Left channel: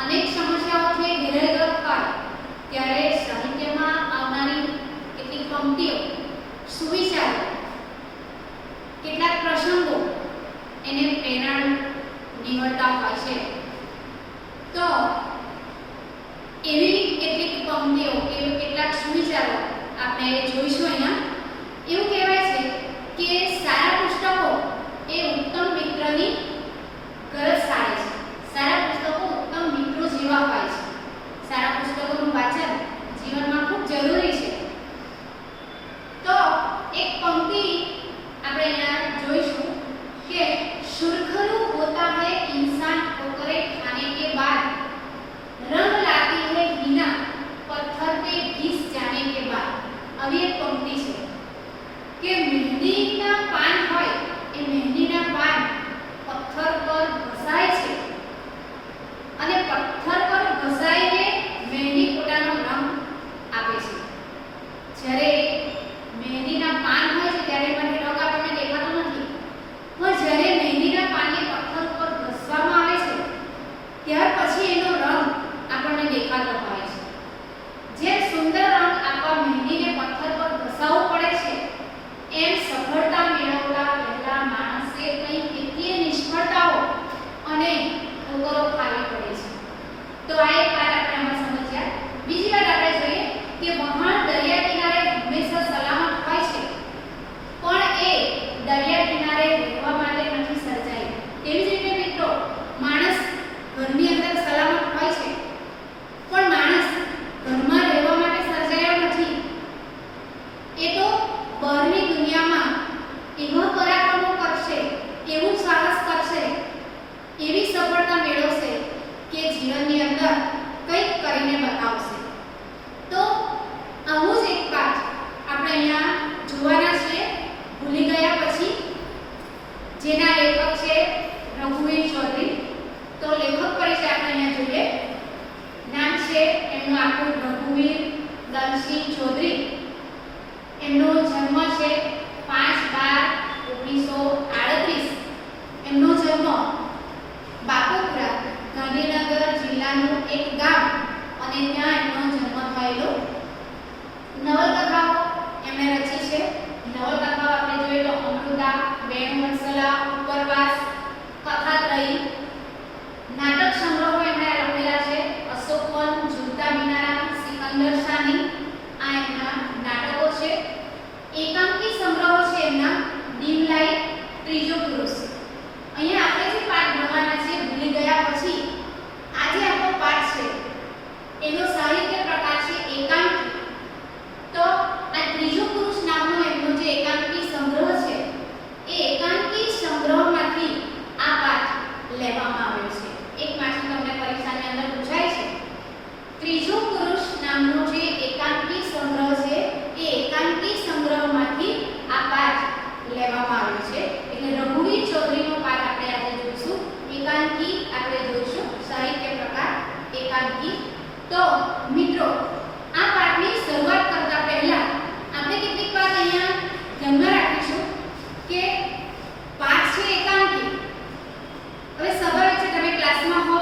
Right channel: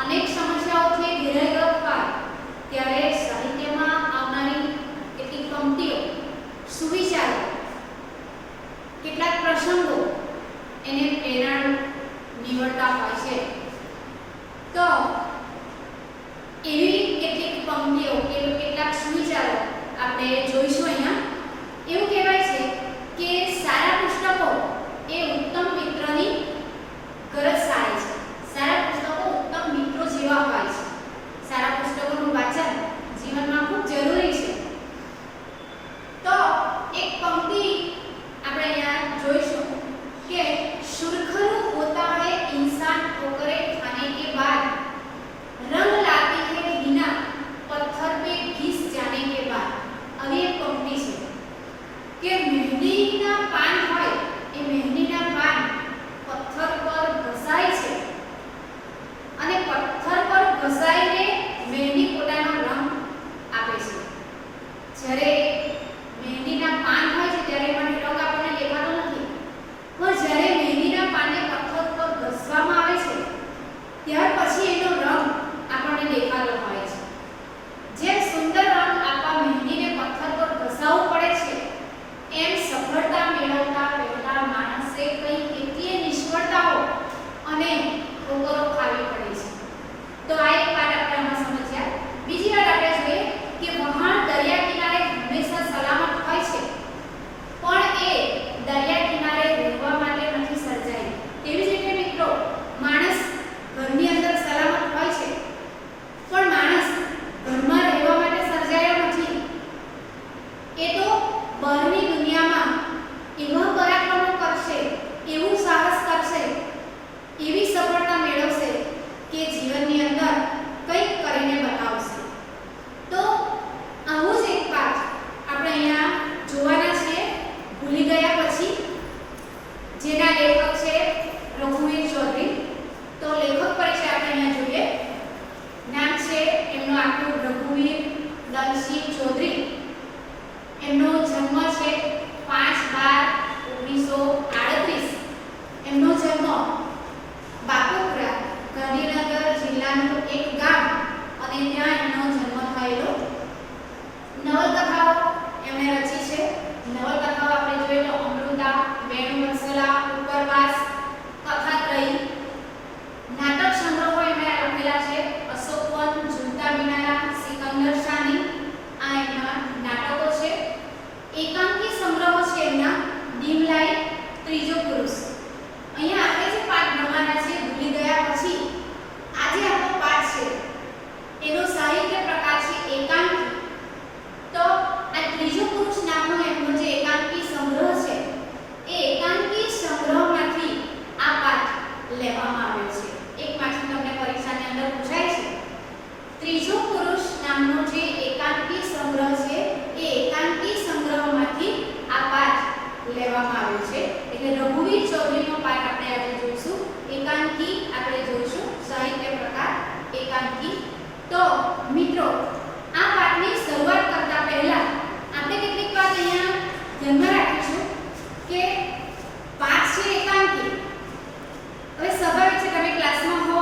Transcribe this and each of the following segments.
અનેક સમસ્યાઓથી ઘેરાયેલો હોય ત્યારે સાહિત્યમાં આવનારી કેટલીક પંક્તિઓ, સુવિચારો, કેટલાક પ્રસંગો એને પ્રેરણા નીવડતા હોય છે. તો એવી કેટલીક પંક્તિઓ કે કેટલાક સુવિચારો આપણે જોઈશું અહીંયા. એવું કહેવાય છે કે સારા પુસ્તકો એ ઉત્તમ મિત્રની ગરજ સારે છે. સારા પુસ્તકો ઉત્તમ મિત્રો જેવા હોય છે. સારા પુસ્તકોનું વાંચન જીવનમાં ખૂબ જરૂરી છે. તો એક પંક્તિ આપણે અહીંયા જોઈશું કે सुरखरू होता है इंसान ठोकरे खाने के बाद, रंग लाती है बिना पत्थर पे घिस जाने के बाद. अभी एक पंक्ति है कि मेहंदीना पान હોય એ મેહંદીના પાન પથ્થર પર ઘસાય છે અને પથ્થર પર ઘસાઈને મહેંદી પોતાનો રંગ આપે છે. જ્યારે મહેંદીના પાન હોય છે ત્યારે મને રંગ આપણને દેખાતો નથી, પણ જ્યારે મહેંદીના પાનને પથ્થર પર ઘસવામાં આવે છે ત્યાર પછી એનો રંગ આપણને દેખાતો હોય છે. જેમ સુંદર રંગ આપવા મહેંદીને પથ્થર પર ઘસાવવું પડે છે, એમ સફળતા મેળવતા પહેલા માણસે કઈ કેટલીય નિષ્ફળતાઓ અને ઠોકરો ખાવી પડે છે. તો આ એક વાત આપણે આમાં સમજ્યા. બીજી વાત આપણે જોઈએ કે વહાણ દરિયા કિનારે હંમેશા સલામત હોય છે, પણ એ દરિયા કિનારે રહેવા માટે નથી સર્જાઈ. તેવી જ રીતે મિત્રો, માણસ ઘરની અંદર સલામત હોય છે, પણ માણસ ઘરમાં રહેવા માટે સર્જાયો નથી. એ તો બહારની દુનિયામાં એવા પરાક્રમો કરશે, એવું સાહસ કરશે, એવી સફળતા મેળવશે કે જીવનની અંદર કંઈક કરીને બતાવશે. તો આવું જ એક પાઠ આપણે અહીંયા જોવાના છીએ ભૂલી ગયા પછી, જેના લેખક છે રઘુવીર ચૌધરી. તો લેખક પરિચય આપણે અહીંયા જોઈએ. નામ છે એમનું આખું રઘુવીર દલસિંહ ચૌધરી. એમનો જન્મ છે 5/12/1938. એમનો જન્મ બાપુપુરા, ગાંધીનગર જિલ્લાનું એક ગામ, અને ત્યાં એમનો જન્મ થયેલો. નવલકથાઓ એમણે રચી છે. નવલકથાઓ આપણે જોઈએ તો અમૃતા, વેણુવંશલા, ઉપરવાસ, કથાત્રયી. નાટક સંગ્રહો એમણે લખેલા છે અશોકવન, ઝૂલતા મિનારા, સિકંદર શાની. આ એમના નાટકો છે. એકાંકી સંગ્રહો છે એમના ડીમ લાઈટ, ત્રીજો પુરુષ. અહીંયા આપણે જે પાઠ ભણવાના છે ભૂલી ગયા પછી, આજે આપણો પાઠ છે એનો સાહિત્ય પ્રકાર છે એકાંકી. તો આ ત્રીજો પુરુષ નામનો એમનો જે એકાંકી સંગ્રહ છે, એ એકાંકી સંગ્રહમાંથી આ પાઠ લેવામાં આવ્યો છે. એકમાંથી તમને પરીક્ષાની અંદર પૂછાય છે. ત્રીજો પુરુષ નામનો જે એકાંકી સંગ્રહ છે, એ એકાંકી સંગ્રહમાંથી આ પાઠ લેવામાં આવ્યો છે. એટલે રઘુવીર ચૌધરીનો પાઠ આપણે આજે જોઈશું. એકાંકી આપણે જોઈશું, સાહિત્ય પ્રકાર એકાંકી. તો મિત્રો, આ પાઠની શરૂઆત કરતા પહેલા આપણે કેટલીક વાત અહીંયા ધ્યાનમાં રાખીશું કે પાઠ છે એકાંકી. હવે સ્વાભાવિક છે તમે ક્લાસમાં હો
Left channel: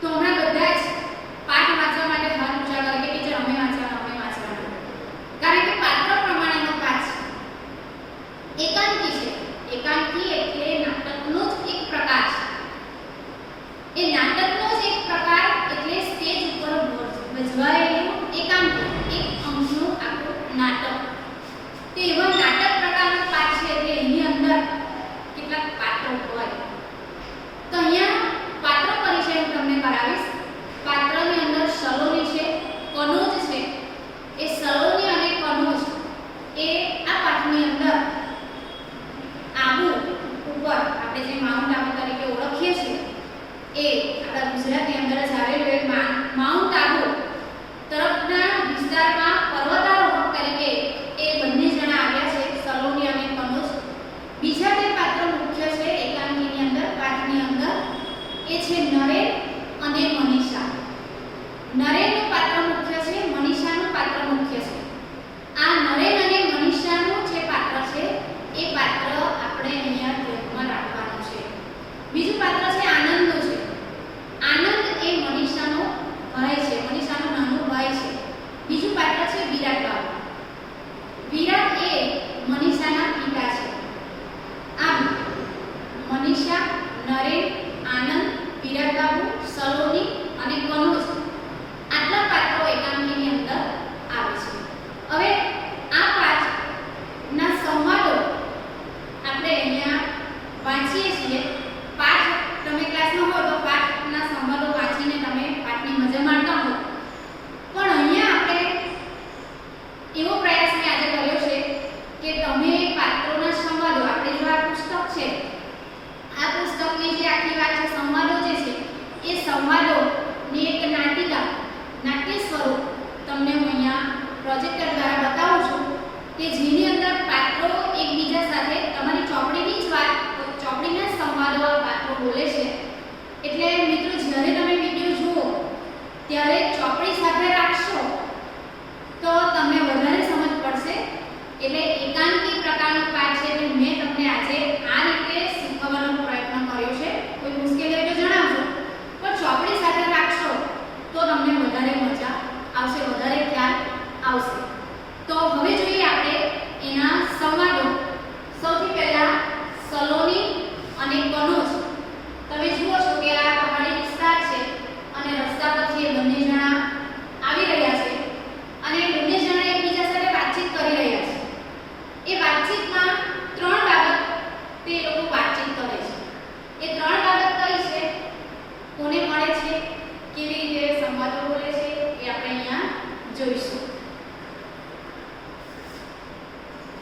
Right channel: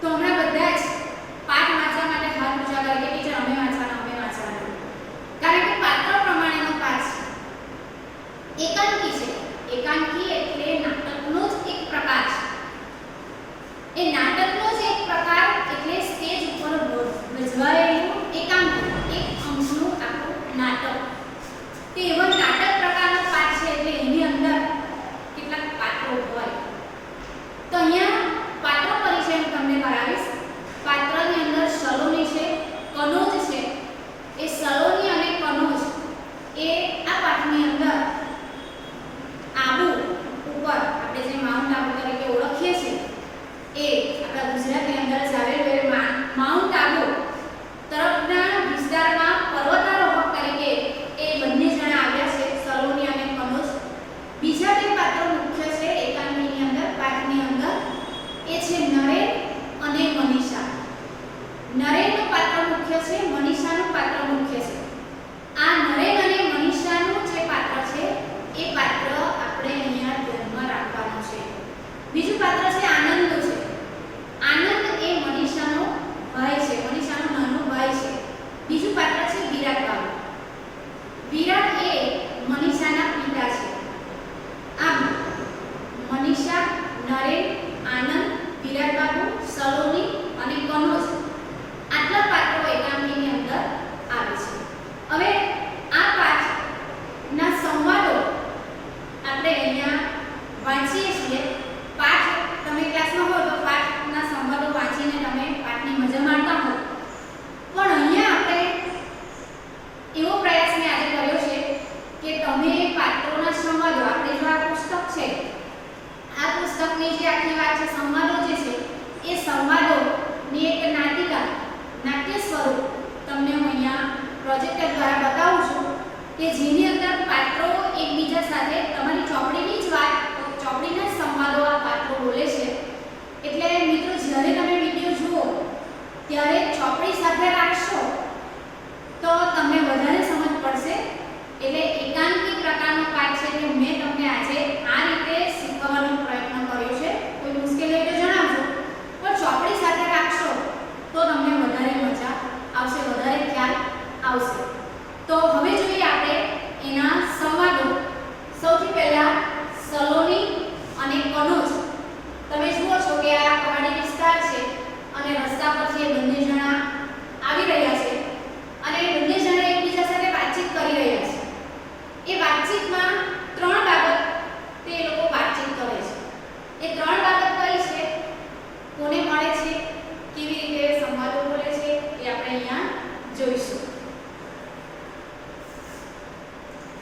તો હમણાં બધા જ પાઠ વાંચવા માટે હાથ ઊંચા કરે કે ટીચર અમે વાંચવાના. કારણ કે પાત્ર પ્રમાણેનો પાઠ છે. એકાંકી છે. એકાંકી એટલે નાટકનો જ એક પ્રકાર છે. એ નાટકનો જ એક પ્રકાર એટલે સ્ટેજ ઉપર ભજવાયેલું એકાંકી, એક અંશનું આખું નાટક. તે એવા નાટક પ્રકારનો પાઠ છે એટલે એની અંદર કેટલાક પાત્રો હોય. તો અહીંયા પાત્ર પરિચય હું તમને કરાવીશ. પાત્રની અંદર સલોની છે, કનોજ છે. એ સલોની અને કનોજ એ આ પાઠની અંદર આબુ ઉપર, આપણે જે માઉન્ટ આબુ તરીકે ઓળખીએ છીએ, એ આપણા ગુજરાતની અંદર જ આવેલું એ માઉન્ટ આબુ તરફના વિસ્તારમાં પર્વતારોહક તરીકે એ બંને જણા આવ્યા છે, સલોની અને કનોજ. બીજા બે પાત્રો મુખ્ય છે એકાંકીની અંદર, પાઠની અંદર, એ છે નરેન અને મનીષા. નરેનનું પાત્ર મુખ્ય છે, મનીષાનું પાત્ર મુખ્ય છે. આ નરેન અને મનીષાનું જે પાત્ર છે એ પાત્ર આપણે અહીંયા ધ્યાનમાં રાખવાનું છે. બીજું પાત્ર છે આનંદનું છે. આનંદ એ વિરાટ બાબુ, સલોની અને કનોજ આટલા પાત્રો એકાંકીની અંદર આવે છે. હવે આ પાઠના સંવાદો આપણે અહીંયા વાંચીએ છીએ. પાઠ તમે ક્લાસમાં હોય તો પાઠના સંવાદો વાંચીને તમે પાઠની મજા માણતા હો, પણ અહીંયા આપણે એવો પ્રયાસ મેં આજે કર્યો છે કે તમે પાત્રોના સંવાદો, આપણે જો આ પુસ્તક છે, આ પુસ્તકની જે આખી વાત છે, સંવાદો જે છે એ સંવાદોની એક નાટ્ય સ્વરૂપ તમને હું અહીંયા પ્રોજેક્ટર દ્વારા બતાવું છું કે જેની અંદર પાત્રો એકબીજા સાથે તમારી ચોપડીની જ વાત, ચોપડીના જ સંવાદો પાત્રો બોલે છે. એટલે મિત્રો જ્યારે તમે વિડીયો જુઓ ત્યારે ચોપડી સાથે રાખશો તો તમને વધારે સમજ પડશે. એટલે એકાંકી પ્રકારનો પાઠ છે કે મેં તમને આજે આ રીતે શીખવવાનો પ્રયત્ન કર્યો છે. કોઈ મુશ્કેલી હોય તો જણાવજો, પણ ચોપડી સાથે રાખશો તો તમને વધારે મજા આવશે, વધારે ખ્યાલ આવશે. તો હવે જોઈએ આપણે એના સંવાદો. સૌથી પહેલા સલોની અને કનોજ. તમે જુઓ છો કે આ પહાડી વિસ્તાર છે અને રસ્તા પરથી એ બંને જણા આવી રહ્યા છે અને બંને જણા એકબીજા સાથે વાતચીત કરી રહ્યા છે. એ વાતચીતમાં ત્રણ બાબત તે લોકો વાતચીત કરે છે. એ ત્રણ બાબત કઈ છે, કોને મળે છે, કેવી રીતે સંવાદો બોલે છે, એ આપણે અહીંયા જોઈશું.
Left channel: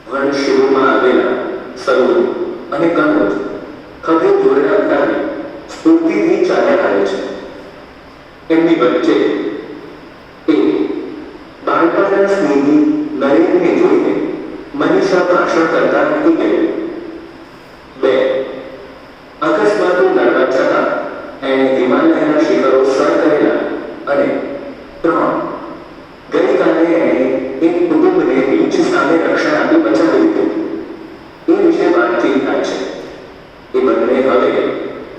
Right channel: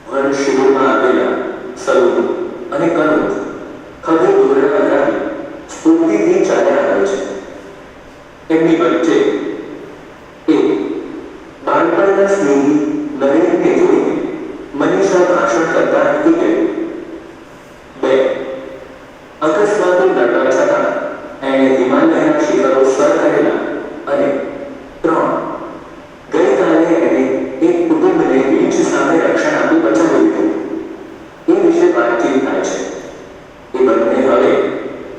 વનશિબિરમાં આવેલા સલોની અને કનોજ ખભે દોરડા ઉડાવી સ્ફૂર્તિથી ચાલ્યા આવે છે. એમની વચ્ચે એક બાળપણના સ્નેહી નરેનને જોઈને મનીષા ભાષણ કરતા નથી ગયું. બે અકસ્માતો લડવા છતાં એણે હિમાલયના શિખરો સર કરેલા. અને ત્રણ ગઈકાલે એણે એક કુટુંબને બીચ સામે રક્ષણ આપી બચાવી લીધું. એ વિશે વાતચીત થાય છે. એ બંને હવે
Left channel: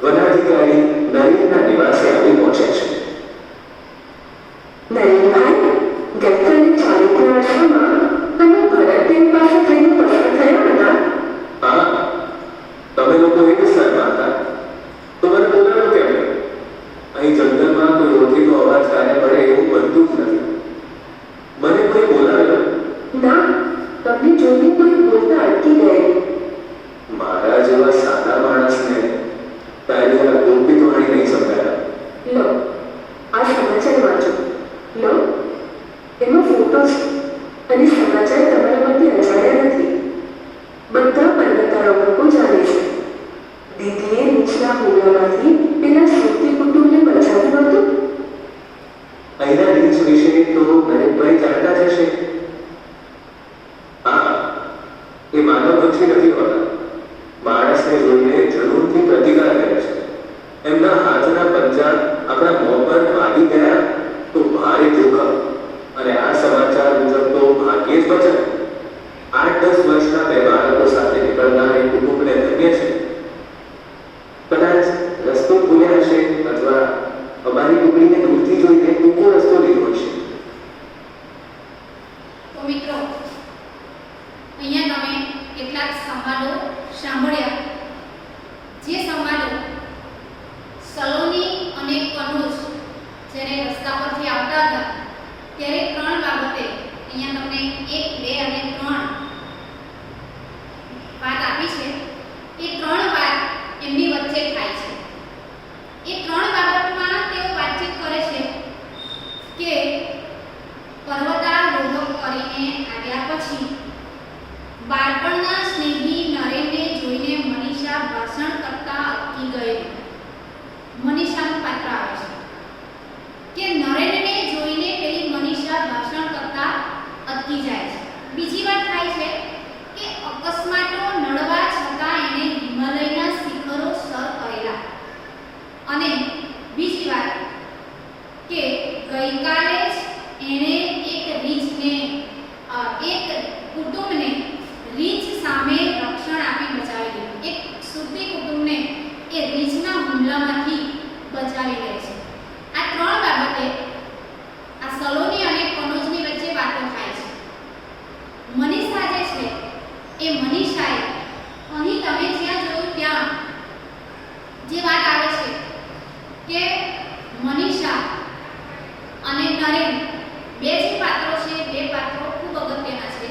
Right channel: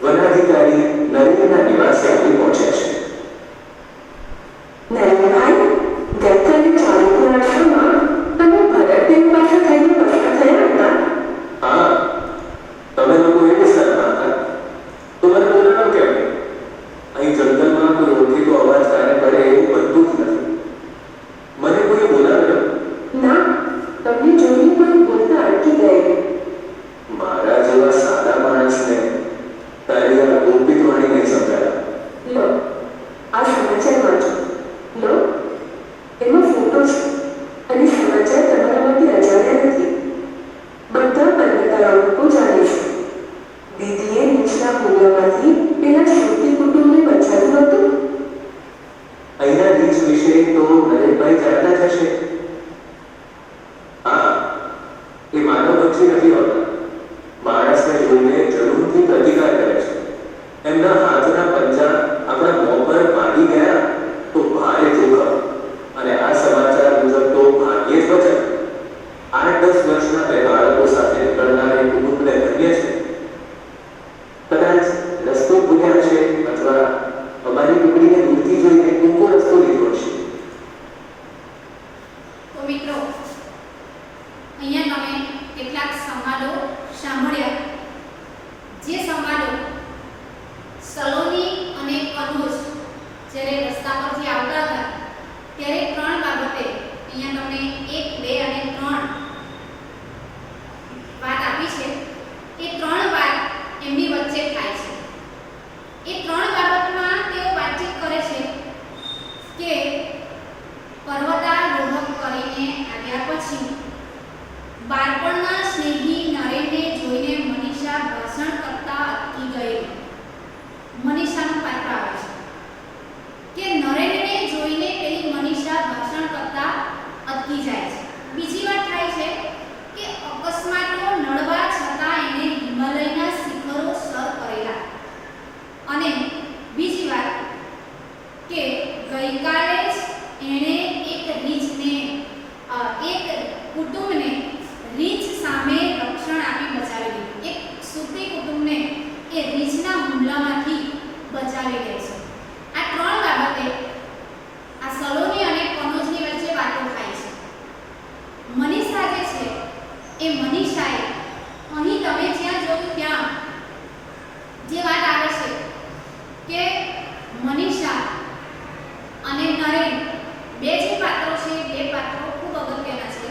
વનાધિકારી નરેનના નિવાસે આવી પહોંચે છે. નરેનભાઈ, ગઈકાલે ચાલુના વર્ષમાં તમે ભરતદેવ પાસે થઈને પસાર થયા હતા. હા, તમે લોકો એ વિસ્તારમાં હતા તો મને બોલાવ્યો કેમ? અહીં જંગલમાં કોઈ ઓળખીતો અવાજ કાને પડે એવું બનતું જ નથી. મને કોઈ બોલાવ્યો? ના, તમને જોઈને કોઈ બોલતા અટકી ગયેલું. મારા જેવા સાદા માણસને તારી આ ગોપી ધોરણી નહીં સમજાયા. લો, આ સમાચાર વાંચો. લો, એમાં ફોટો છે અને સમાચાર તમારા માટે અજાણ્યા નથી. બધા પર્વતાળાઓ લોકો જાણે છે. દીદીએ નીચલા હુમલામાંથી પેલા શ્રુતિ કુટુંબને બચાવ્યું હતું. અહીંના રીચ વિશે તો નરેનભાઈ જાણતા જ હશે. હા, એ માનવભક્ષી નથી હોતા. માણસને જોઈને જરૂરથી પ્રતિકાર કરે છે. એમના હાથના પંજા આપણા મોં પર વાગી ગયા તો ભારે જોખમ, અને આ સમાચાર મુજબ તો ભાગ્યે જ બચે. 8-10 વર્ષના બે બાળકો સાથે નીકળનાર એ કુટુંબને ધન્ય છે. કદાચ રસ્તો ભૂલ્યા હશે અથવા અમારી ટુકડીને દૂરથી જોઈને ટૂંકો રસ્તો લીધો હશે. તો મિત્રો અહીંયા તમે કેટલાક સંવાદો સાંભળ્યા. જે સંવાદો સલોની અને કનોજ જ્યારે રસ્તા પરથી આવતા હતા ત્યારે ત્રણ બાબતે અહીંયા તમને 1, 2 અને 3 વાત આપી છે. એ ત્રણ વાત એમની વચ્ચે થાય છે. એ ત્રણ બાબતમાં તેઓ વાતચીત કરે છે કે પર્વતારોહક કરીને આવ્યા પછી બાળપણના સ્નેહી નરેનને જોઈને મનીષા ભાષણ કરતા અટકી ગયેલી. મનીષાનું પાત્ર આવે છે કે નરેનને જોઈને પેલી મનીષા ભાષણ કરતા અટકી જાય છે. બીજી વાત થાય છે કે અકસ્માતો નડવા છતાં એને હિમાલયના શિખરો સર કરેલા. અને બીજી વાત કે ગઈકાલે જ એણે એક કુટુંબને રીંછ સામે રક્ષણ આપી બચાવી લીધું. એક સુપી કુટુંબને એ રીંછના હુમલામાંથી બચાવી લે છે. આ ત્રણ બાબતે આ સલોની અને કનોજની વચ્ચે વાતો થાય છે. મનીષા જે છે એ મનીષાએ અહીં તમે જ્યાં જોયું ત્યાં જે વાત આવે છે નરેન બે જે પાત્રો છે બે પાત્રો ખૂબ અગત્યના છે.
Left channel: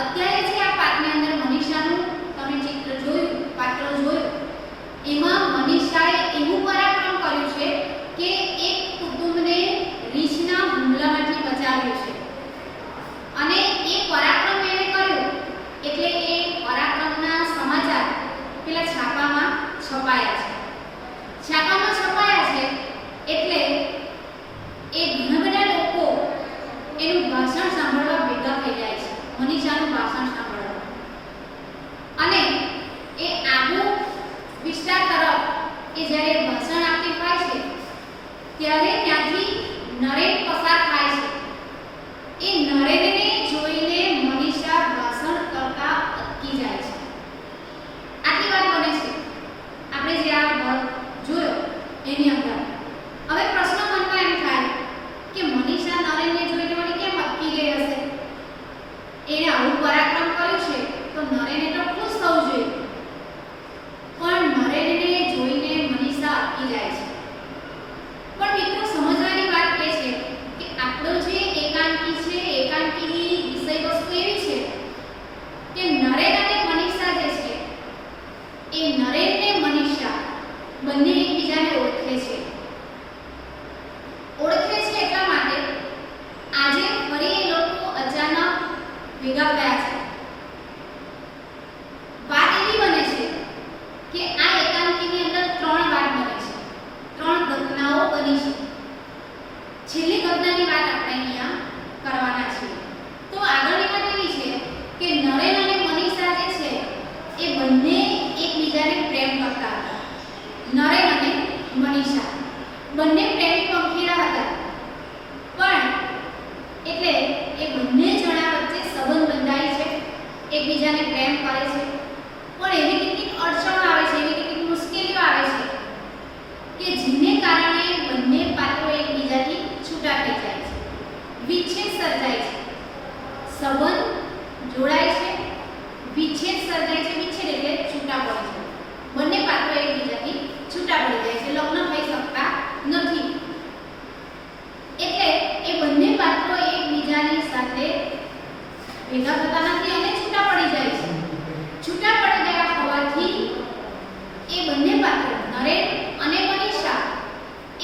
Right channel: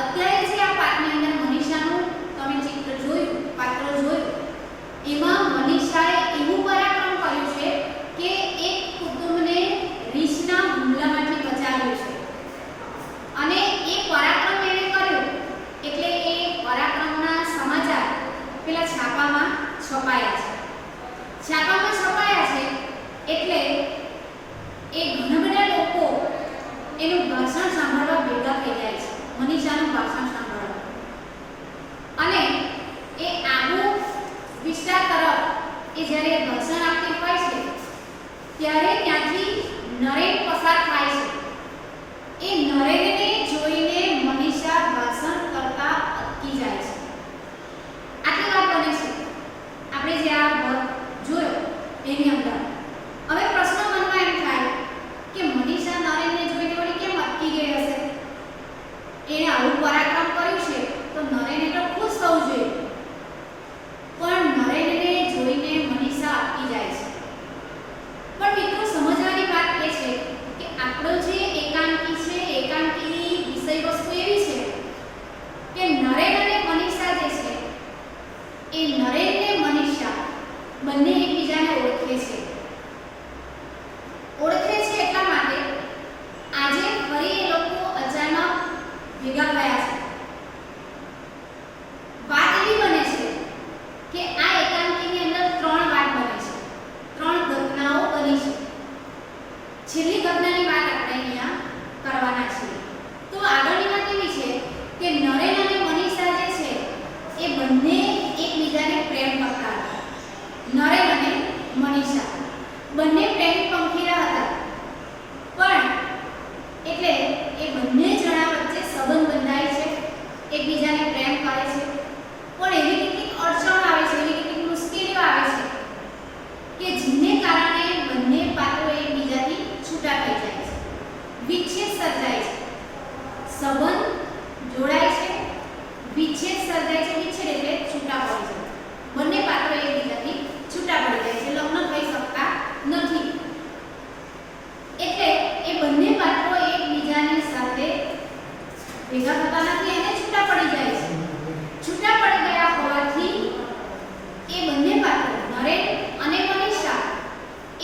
અત્યારે જે આ પાઠની અંદર મનીષાનું તમે ચિત્ર જોયું, પાત્ર જોયું, એમાં મનીષાએ એવું પરાક્રમ કર્યું છે કે એક કુટુંબને રીછના હુમલામાંથી બચાવ્યું છે. અને એ પરાક્રમ એણે કર્યું એટલે એ પરાક્રમના સમાચાર પેલા છાપામાં છપાયા છે. છાપામાં છપાયા છે એટલે એ ઘણા બધા લોકો એનું ભાષણ સાંભળવા ભેગા થઈ જાય છે, મનીષાનું ભાષણ સાંભળવા. અને એ આબુ વિસ્તાર તરફ એ જ્યારે ભાષણ આપતી હોય છે ત્યારે ત્યાંથી નરેન પસાર થાય છે. એ નરેનને જોઈને મનીષા ભાષણ કરતા અટકી જાય છે. આટલી વાત બને છે આપણે જે આ વર્ગ જોયો એની અંદર. હવે પ્રશ્ન મનમાં એમ થાય કે મનીષા નરેનને જોઈને વળી કેમ અટકી ગઈ હશે? એણે આવું પરાક્રમ કર્યું છે તો નરેને તો ખુશ થવું જોઈએ, પણ નરેનને જોઈને મનીષા અટકી જાય છે. પણ મિત્રો સમજવાની વાત એ છે કે આપણો જે એકાંકી છે, એકાંકીની વિષય વસ્તુ એવી છે કે નરેન અને મનીષા જે છે એ નરેન ને મનીષા બંને એકબીજાને ઓળખે છે. ઓળખે છે એટલા માટે આજે ફરી એ લોકો અચાનક ભેગા થયા છે. વાત એવી બને છે કે આ એકાંકીની અંદર ત્રણ વાત બને છે, ત્રણ ઘટનાઓ બની છે. છેલ્લી ઘટનાની વાત આપણે અહીંયા કરવાના છીએ. તો આગળની વાત એવી છે કે નરેન અને મનીષા જે છે એ બંને એકબીજાને પ્રેમ કરતા હતા. નરેન અને મનીષા બંને પ્રેમી પંખીડા હતા. પણ એટલે એ બંને જણા વચ્ચે સંબંધ બંધાય છે, એકબીજાને પ્રેમ કરે છે. પણ એવી કેટલીક અડચણો આવે છે, એવી કેટલીક મુશ્કેલીઓ આવે છે કે જેને કારણે બંને પાત્રો એકબીજાથી છૂટા થઈ જાય છે, વિચ્છેદ સર્જાય છે. સંબંધ જોડાય છે, વિચ્છેદ સર્જાય છે. વિચ્છેદ એટલે છૂટા પડે છે. બંને પાત્રો એકબીજાથી છૂટા પડી જાય છે, લગ્ન થઈ શકતા નથી. એટલે એ બંને પાત્રો એકબીજાની સાથે ભેગા થતા નથી અને છૂટા પડી જાય છે. છૂટા પડી ગયા હોવાથી એ બંને પાત્રો નરેન અને મનીષા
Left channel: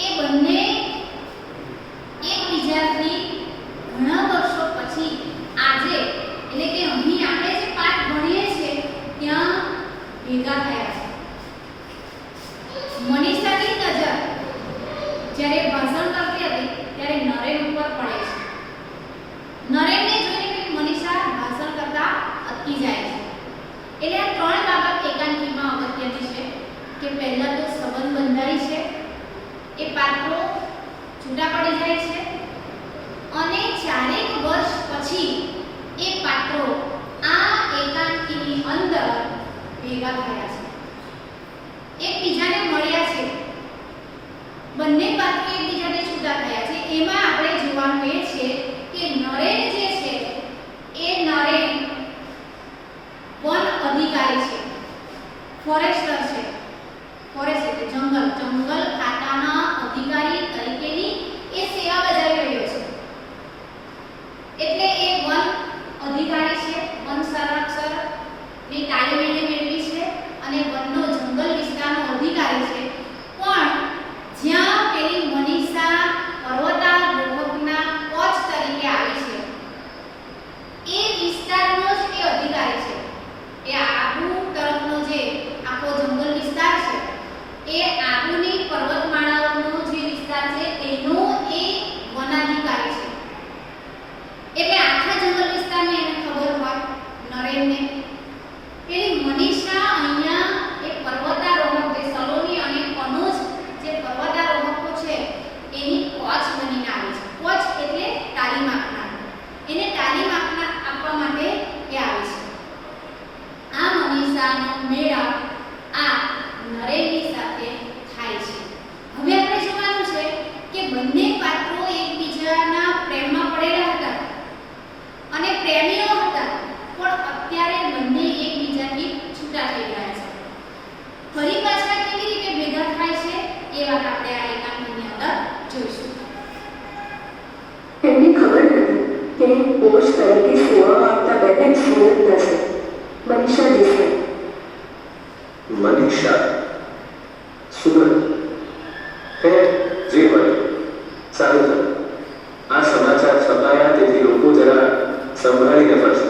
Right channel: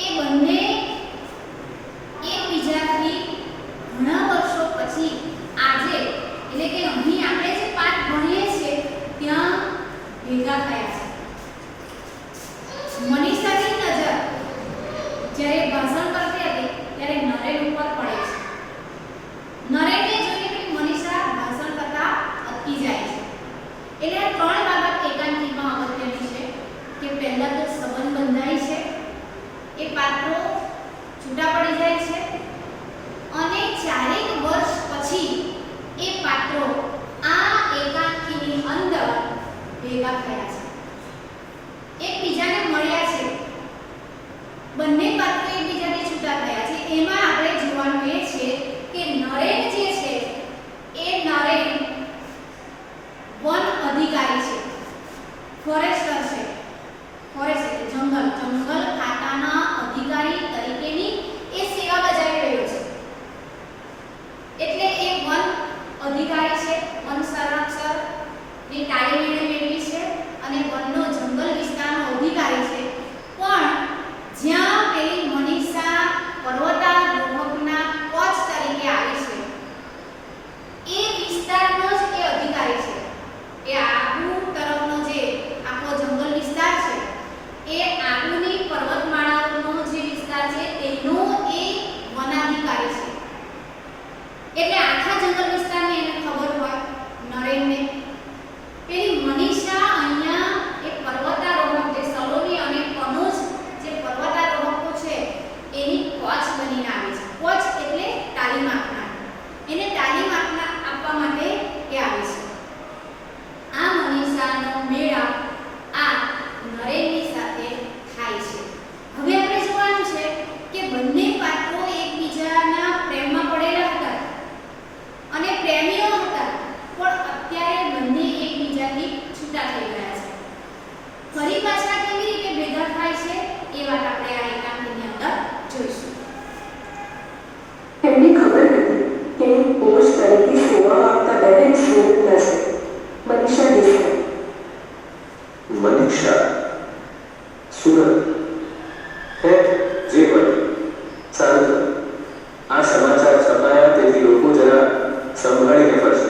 એ બંને એકબીજાથી ઘણા વર્ષો પછી આજે એટલે કે અહીં આપણે જે પાઠ ભણીએ છીએ ત્યાં ભેગા થયા છે. મનીષાની નજર જ્યારે ભાષણ કરતી હતી ત્યારે નરેન ઉપર પડે છે. નરેનને જોઈને મનીષા ભાષણ કરતા અટકી જાય છે. એટલે આ ત્રણ બાબત એકાંકીમાં અગત્યની છે કે પહેલા તો સંબંધ બંધાય છે, એ પાત્રો છૂટા પડી જાય છે અને 4 વર્ષ પછી એ પાત્રો આ એકાંકીની અંદર ભેગા થયા છે, એકબીજાને મળ્યા છે. બંને પાત્રો એકબીજાને છૂટા થયા છે. એમાં આપણે જોવાનું એ છે કે નરેન જે છે એ નરેન વન અધિકારી છે, ફોરેસ્ટર છે. ફોરેસ્ટ એટલે જંગલ ખાતાના અધિકારી તરીકેની એ સેવા બજાવી રહ્યો છે. એટલે એ વન અધિકારી છે, વન સંરક્ષણની તાલીમ એને મેળવી છે અને વનનો જંગલ વિસ્તારનો અધિકારી છે. પણ જ્યાં પેલી મનીષા પર્વતારોહકના કોચ જે હોય સારું થયું. આ સમાચાર છપાયા તેથી લોકો જરા સંભાળીને પડશે.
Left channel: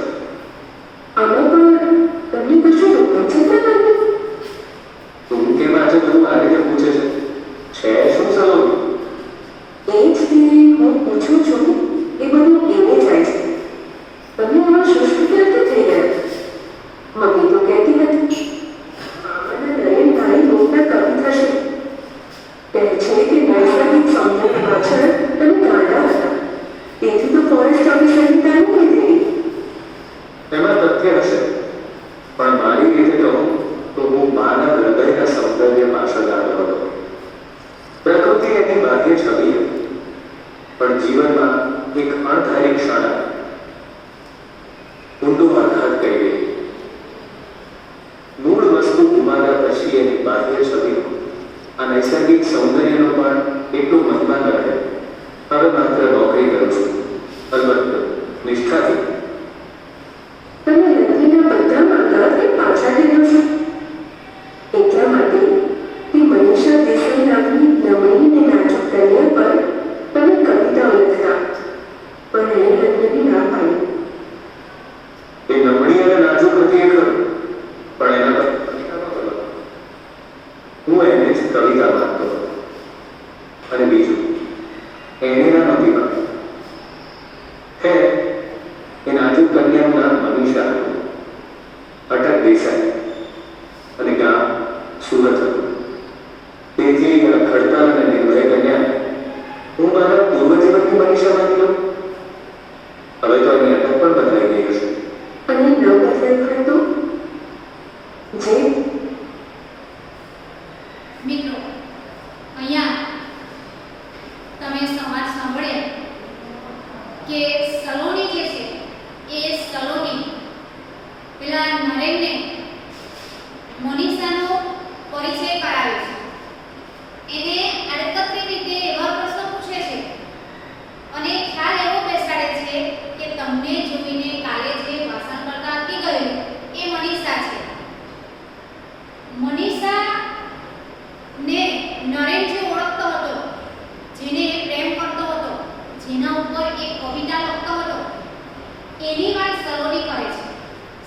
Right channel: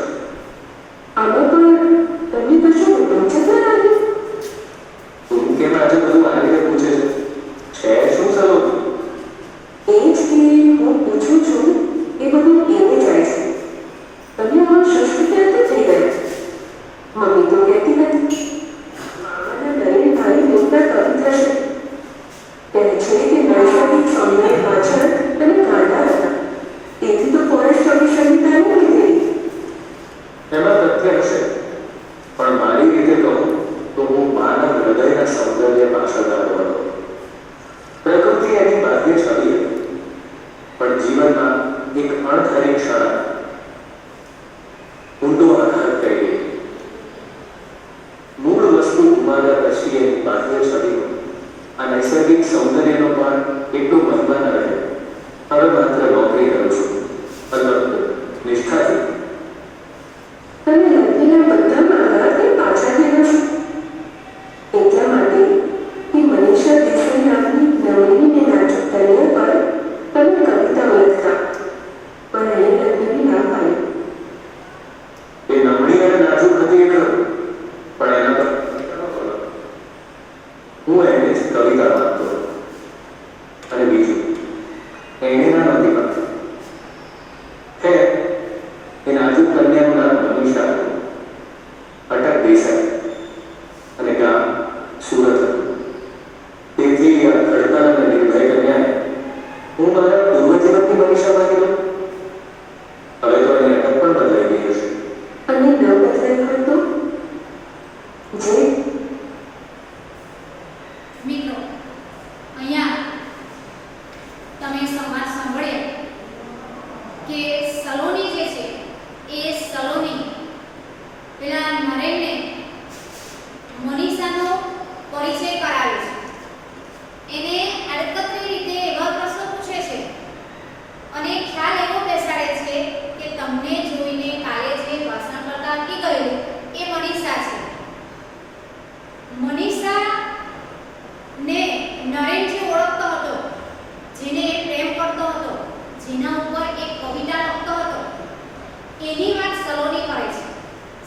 અમે પણ તમને કશું રોચક ના લાગ્યું? તું કેમ આજે બધું આ રીતે પૂછે છે શું સલોની? એ જ કે હું પૂછું છું એ બધું એને જાય છે. તમે આમાં સુષ્ટ રીતે થઈ ગયા. મમ્મી તો કહેતી હતી મામાના નરેનભાઈ મોટા કવિ થશે. કહે છે કે નૈસર્ગિક સૌંદર્ય પાછળ તમે ગાંડા હતા. તેથી તો ફોરેસ્ટ ઓફિસરની તાલીમ લીધેલી. એમાં તથ્ય હશે, પણ મારી રીતે કહું તો હું માના હૃદયના સૌંદર્ય પાછળ ગાળો હતો. પ્રકૃતિ એની બાહ્ય છબી હતી, પણ જીવનમાં એક અણધારી ક્ષણ આવી. ઊંડો આઘાત કરી ગઈ. મૂળ વસ્તુ ગુમાવ્યા પછી એની બાહ્ય છબીનો આ નૈસર્ગિક સૌંદર્યનો પણ એટલો મહિમા ન રહ્યો. હવે માત્ર નોકરી કરું છું, અલબત્ત નિષ્ઠાથી. તમે લગ્નના બધા માર્ગાથી પાછા ફેર્યો છો. એટલા માટે કે મનીષા દેસાઈ નામની નમણી ને નાજુક કન્યા પર તમે કવિતાઓ લખતા, પણ એને લગ્નની ના પાડી. એ નમણી અને નાજુક હતી એ ખરું, પણ એના પર કવિતા નહોતો લખતો. હું એને જ કવિતા વાંચતો હતો. અને બીજું, એને ના નહોતી વાંચતી. હે એ નાજુક કન્યાનું નામ મનીષા હતું. અટક દેસાઈ અને ગામ સુરત હતું. તેથી આ ખડતા અને નિર્ભય કન્યાને હું મારા પૂર્વજીવનની મનીષા માની લઉં. હવે તો એની અટક પણ બદલાઈ ગઈ હશે. અને ન બદલાઈ હોય તો જે મિત્રો, અહીંયા તમે સંવાદ સાંભળ્યા કે સલોની જે છે એ સલોની પેલા નરેનને મનીષાનો પરિચય કરાવે છે. એને આડકતરી રીતે એવા પ્રશ્નો પૂછે છે અને ખ્યાલ એવો બેસાડે છે કે તમને જોઈને કાલે જે ભાષણ કરતા અટકી ગયું એ મનીષા છે. મનીષા ને નરેન જે ઓળખતો હતો, જેને એ પ્રેમ કરતો હતો, જેના ઉપર એક કવિતા લખતો હતો, એની વાત સલોની કરે છે.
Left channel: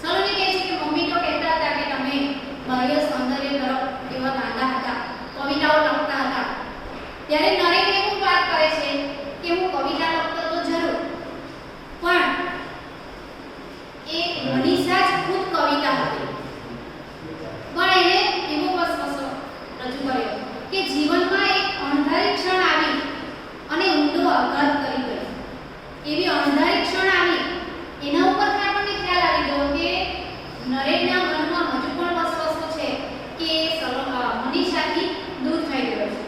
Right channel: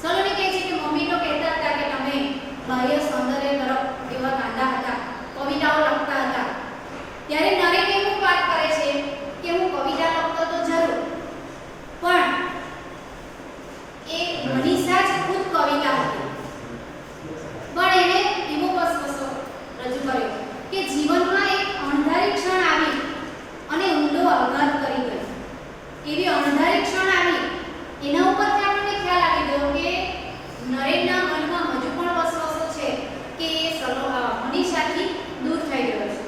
સલોની કહે છે કે મમ્મી તો કહેતા હતા કે તમે બાહ્ય સૌંદર્ય તરફ એવા ગાંડા હતા, કવિતાઓ લખતા હતા. ત્યારે નરેન એવું વાત કરે છે કે હું કવિતા લખતો તો જરૂર, પણ એ મનીષા જ ખુદ કવિતા હતી. પણ એને એવો વસ્તુ રજૂ કર્યો કે જીવનમાં એક અણધારી ક્ષણ આવી અને ઊંડો આઘાત કરી ગઈ. એવી અણધારી ક્ષણ આવી, એના ઉપરથી આપણને ખ્યાલ આવી ગયો કે નરેનના મનમાં હજુ પણ વસવસો છે કે મનીષાથી દૂર થઈ ગયો છે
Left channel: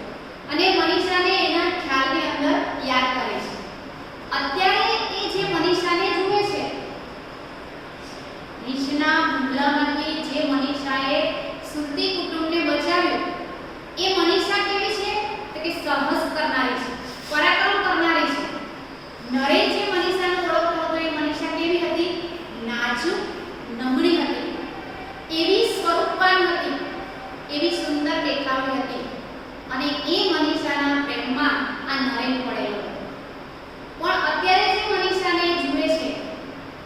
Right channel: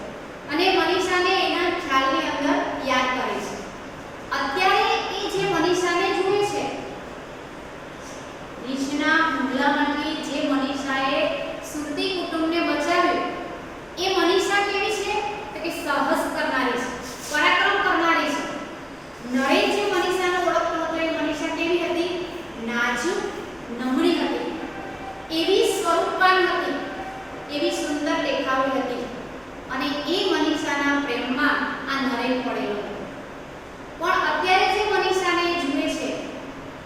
અને મનીષાને એના ખ્યાલની અંદર યાદ કરે છે. અત્યારે એ જે મનીષાને જુએ છે, રીંછના હુમલામાંથી જે મનીષાએ સુરતી કુટુંબને બચાવ્યું, એ મનીષા કેવી છે તો કે સાહસ કરનારી છે, પરાક્રમ કરનારી છે. નરેન જે મનીષાને ઓળખતો હતો એ મનીષા કેવી હતી? નાજુક, નમણી હતી, એવી સ્વરૂપવાન હતી, એવી સુંદર દેખાવડી હતી. અને એ મનીષાના પ્રેમમાં આ નરેન પડેલો હતો. પણ અત્યારે જે મનીષાને જુએ છે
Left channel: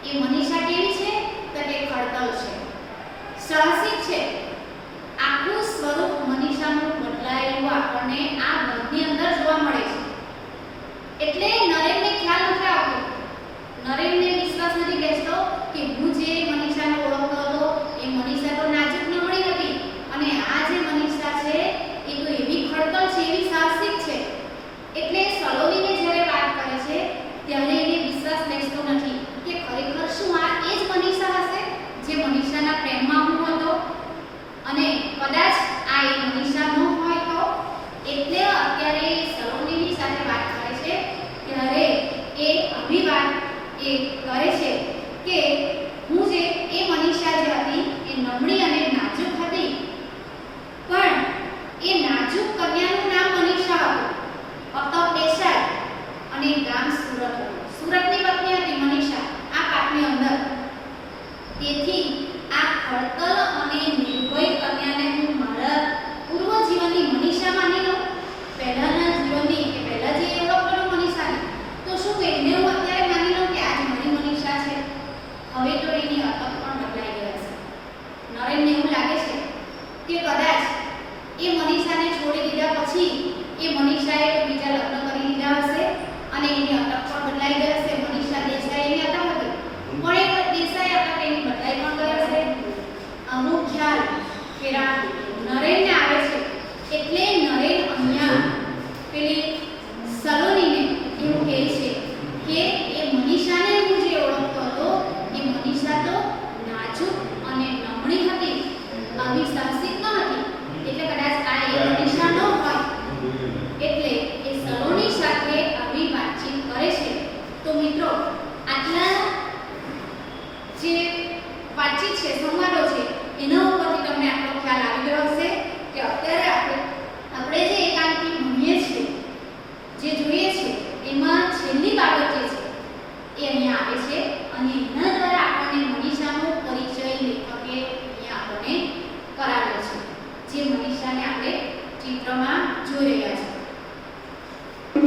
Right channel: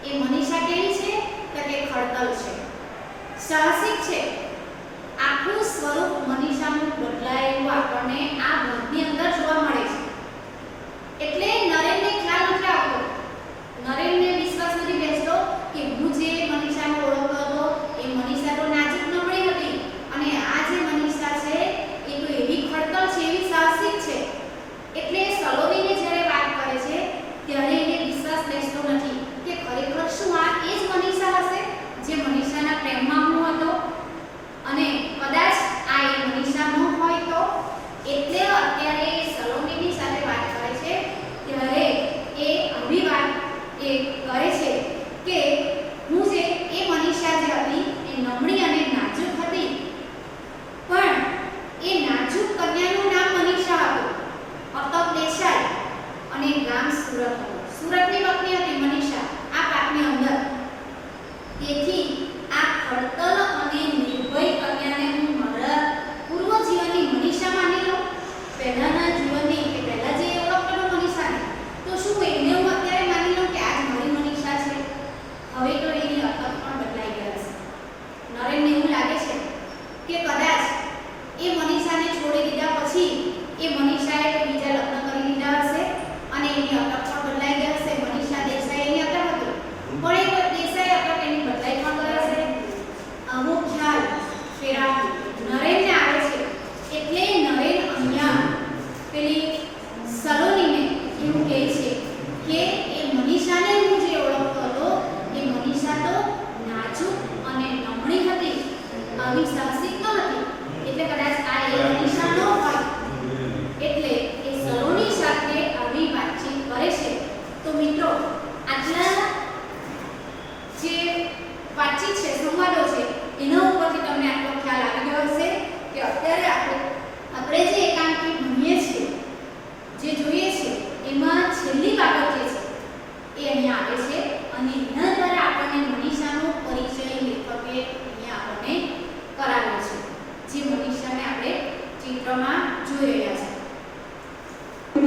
એ મનીષા કેવી છે તો કે ખડતલ છે, સાહસિક છે. આખું સ્વરૂપ મનીષાનું બદલાયેલું આપણને આ ગીતની અંદર જોવા મળે છે. એટલે નરેનને ખ્યાલ નથી આવતો, નરેનને વિશ્વાસ નથી બેસતો કે હું જે મનીષાને ઓળખતો હતો એ મનીષા તો નાજુક નમણી હતી અને આ જે મનીષા છે એ તો એવી ખડતલ છે, એવી સાહસિક છે. એટલે સલોની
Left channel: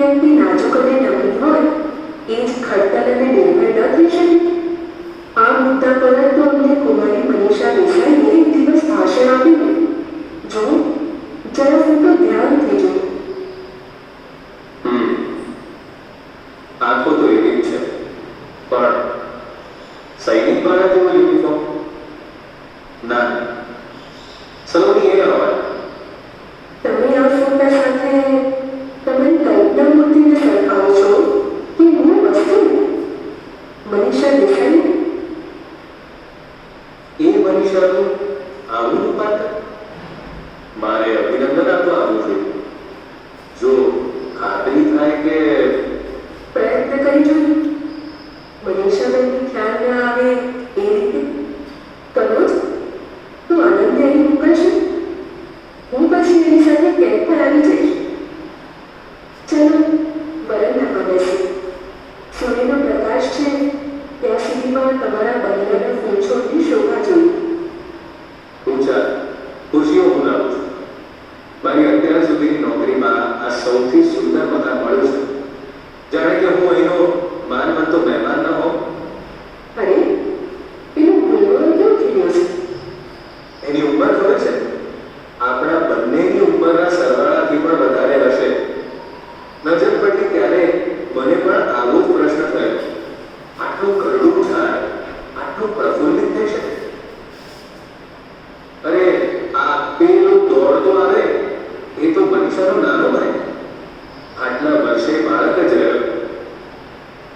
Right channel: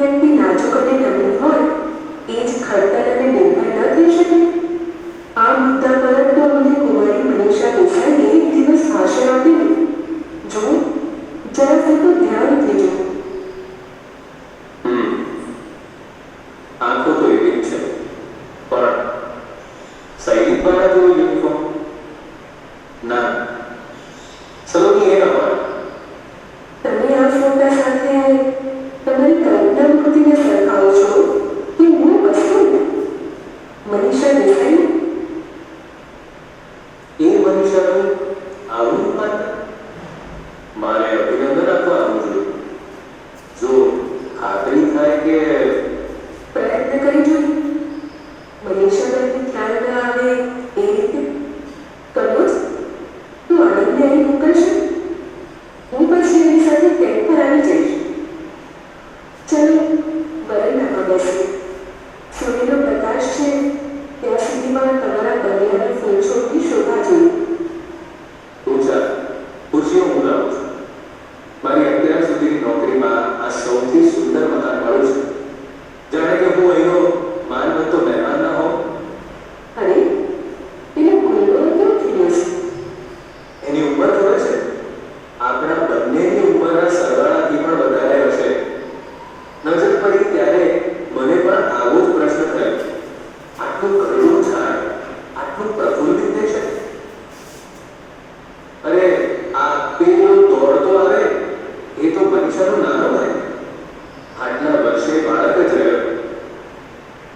વ્યક્તિ નાજુક અને નમ્ર હોય એ જ ખડતલ અને નિર્ભર ન થઈ શકે? આ મુદ્દા પર તો અમને કુમારી મનીષા દેસાઈએ એક દિવસ ભાષણ આપ્યું. જો જરા ફોટો ધ્યાનથી જો. આંખો તો એવી જ છે, પણ સૈનિક વાળા જેવો યુનિફોર્મ ના, સલોની એ અવાજ. તમે આ ફોટા સાથે તમારી કલ્પના મૂર્તિને સરખાવો છો કે મૂળ વસ્તુને? મનીષા દેસાઈ? એ મનીષાનું આવું પાત્ર મારે અભિનંદન આપવા આવવું જોઈએ. જો ખાતરી થાય કે પ્રયત્ન કરી જોઈએ. મનીષાબેનને ખ્યાલ ન આવે એ રીતે કનોજ, તું આનંદને અહીં મોકલશે? હું પછી એની સાથે કેમ્પ પર આવી જઈશ. ચલો વરંડામાં બેસીએ. સૂર્યનો પ્રકાશ છે ત્યાં સુધીમાં તમારા બલિયાના ફૂલછોડની શોભા જોઈએ. તું ચાલ, ખુરશીઓ હું લાવું છું. મારી અત્યાર સુધીની નોકરીમાં આ સૌથી સુંદર મકાન મળ્યું છે. જાણે કે હું અહીંનો માનવંતો મહેમાન ન હોઉં. અરે એનો ગુંગળો કેવો ખીલ્યો છે? એની ઉંમર જોડે છે આપણા બંનેની ઉંમરના સરવાળાથી પણ વધારે હશે. નજર પડી ત્યારે મને પણ આવો જ પ્રશ્ન થયો. આટલું કરડું ઝાડ આટલું પ્રફુલ્લિત થઈ શકે? અરે આ પેલો દોડતો આવે એ તો મનીષાનો નાનો ભાઈ. આટલા વર્ષે બાળક જ રહ્યો.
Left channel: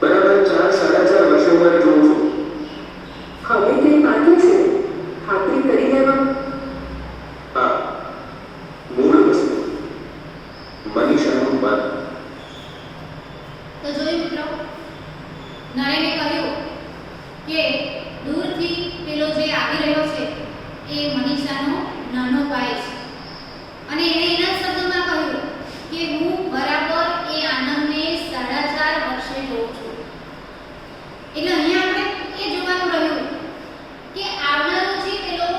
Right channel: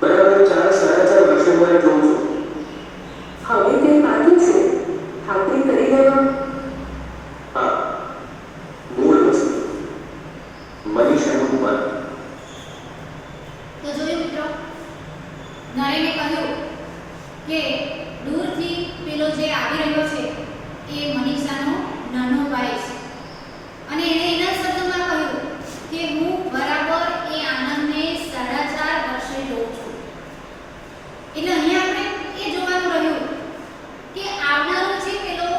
બરાબર 4-4.5 વર્ષે હું જોઉં છું. હવે કંઈ બાકી છે ખાતરી કરી લેવા? હા, મૂળ વસ્તુ મનીષાનું મન. તો જોયું મિત્રો, નરેને કહ્યું કે દૂરથી પેલો જે આવી રહ્યો છે એ મનીષાનો નાનો ભાઈ છે, અને એણે એના શબ્દોમાં કહ્યું કે હું બરાબર એ આનંદને 4.5 વર્ષે જોઉં છું. એટલે અહીંયા આપણે એ જોવાનું રહ્યું કે આવનારો જે પેલો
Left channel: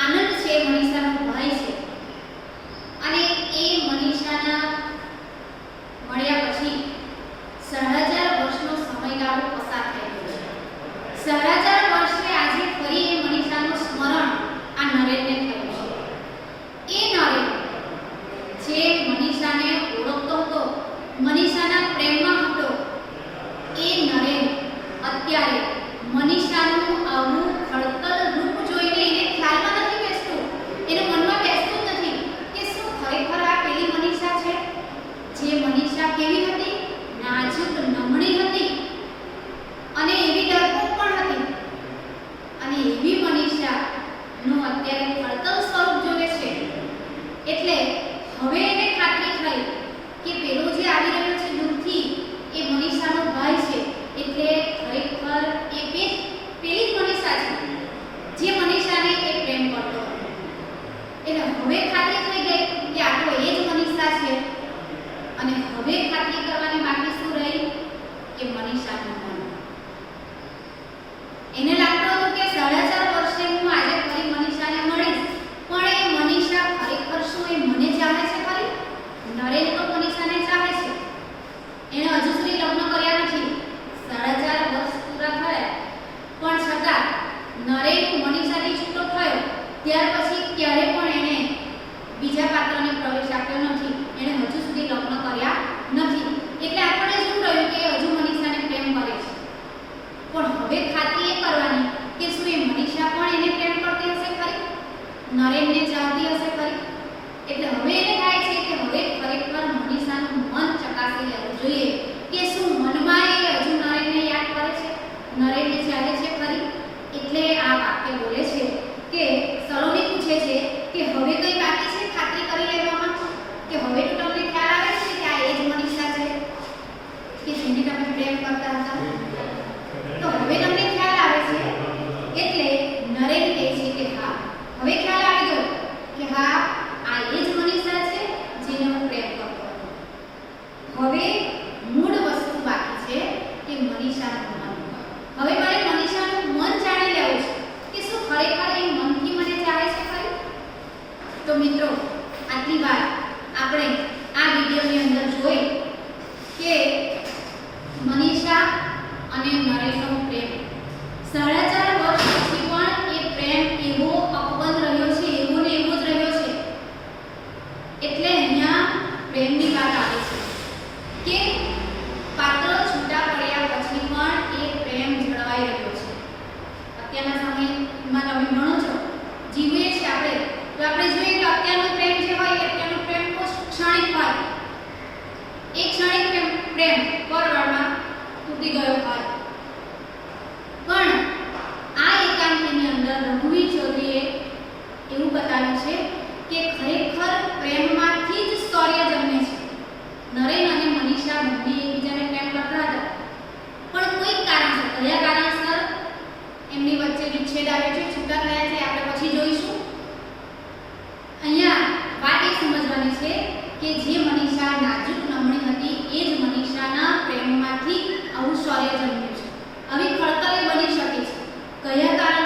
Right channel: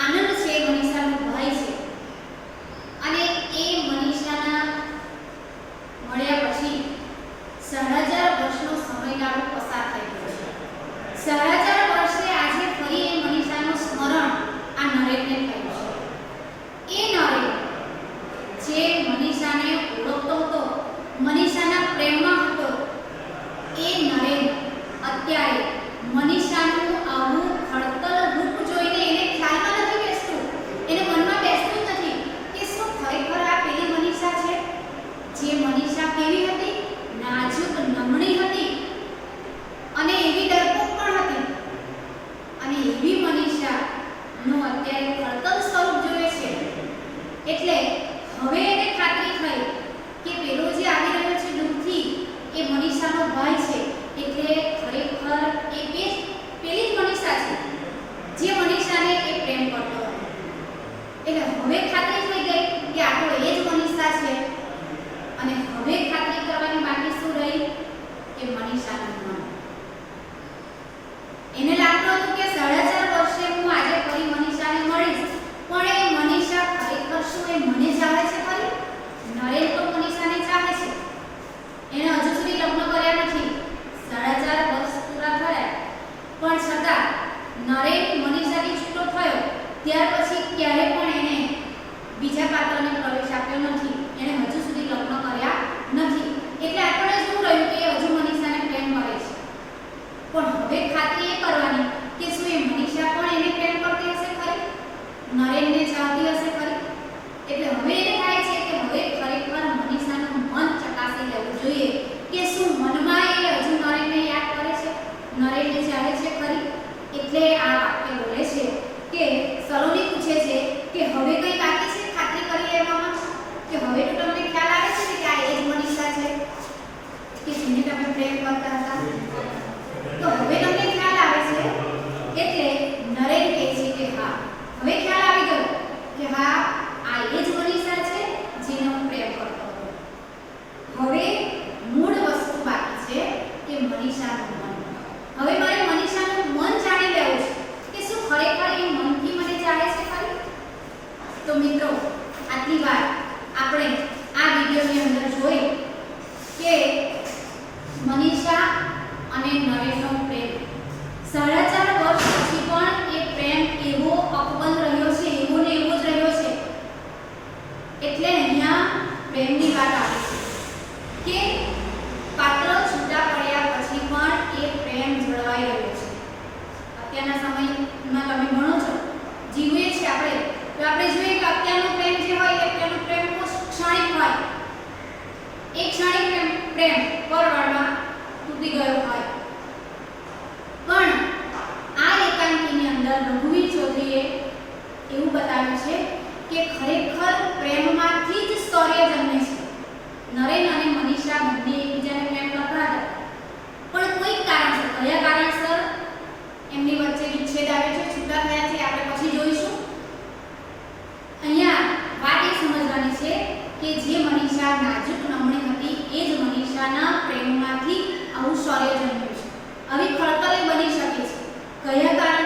આનંદ છે મનીષાનો ભાઈ છે, અને એ મનીષાના મળ્યા પછી 4.5 વર્ષનો સમયગાળો પસાર થઈ ગયો છે. 4.5 વર્ષે આજે ફરી એ મનીષાનું સ્મરણ આ નરેનને થયું છે. એ નરેન જે મનીષાને ઓળખતો હતો, મનીષાના પ્રેમમાં હતો, એ નરેન અત્યારે મનીષાનું આવું ખડતલ રૂપ જોઈને એને ખ્યાલમાં નથી બેસતું, એને મનમાં બેસતું જ નથી કે શું ખરેખર આ પેલી મનીષા છે જે મનીષા કેવી હતી? નાજુક, નમણી હતી અને એવી ડરપોક પણ હતી. અને એવી મનીષાનું અત્યારે ખડતલ સ્વરૂપ જોઈએ છે. એટલે હવે એને ખાતરી થઈ કે પેલો જે આવી રહ્યો છે દૂરથી એ મનીષાનો ભાઈ છે. એટલે ખરેખર એ પેલી જ મનીષા છે જે મનીષાને એ પ્રેમ કરતો હતો. એટલે હવે ખાતરી થઈ ગઈ કે આ તો એ જ મનીષા છે. અને હવે ખાતરી કરવાની બાકી શું રહી કે મનીષાનું મન. એને લાગતું હતું કે 4.5 વર્ષે હું આજે ફરી મનીષાને મળીશ, પણ એ મનીષા ખરેખર શું એ મને ચાહે છે ખરી? નરેન તો મનીષાને ચાહે છે. એને હજુ સુધી લગ્ન કર્યા નથી. 4.5 વર્ષ પૂરા થયા, પણ છતાં નરેન મનીષાથી છૂટો થયો ત્યાર પછી ક્યારે પણ એને બીજા પાત્રને પ્રવેશ આપ્યો નથી. એણે હજુ સુધી લગ્ન કર્યા નથી. એટલે આપણને શું રહ્યું કે હજુ મનીષાને પ્રેમ કરે એક ક્ષણિક પ્રેમ પરવાળમાં તૂટી ગયો હોય. પણ આ એકાંકીની અંદર રઘુવીર ચૌધરીએ એવું બતાવ્યું છે કે ખરેખર પ્રેમમાંથી જ શૌર્ય જન્મે છે. નરેન અને મનીષા બંને એકબીજાને પ્રેમ કરતા હતા, પણ કોઈક કારણસર, કયા કારણસર એમની વચ્ચે વિચ્છેદ આવ્યો છે, છૂટા થયા છે, આપણે પછી જોઈશું. અહીંયા વાત એ સમજવાની છે કે જે મનીષા નાજુક નમણી હતી એ જ મનીષાના પ્રેમમાંથી આવું શૌર્ય જન્મ્યું છે. આવી ખળતલે બની શકે છે. કયા કારણસર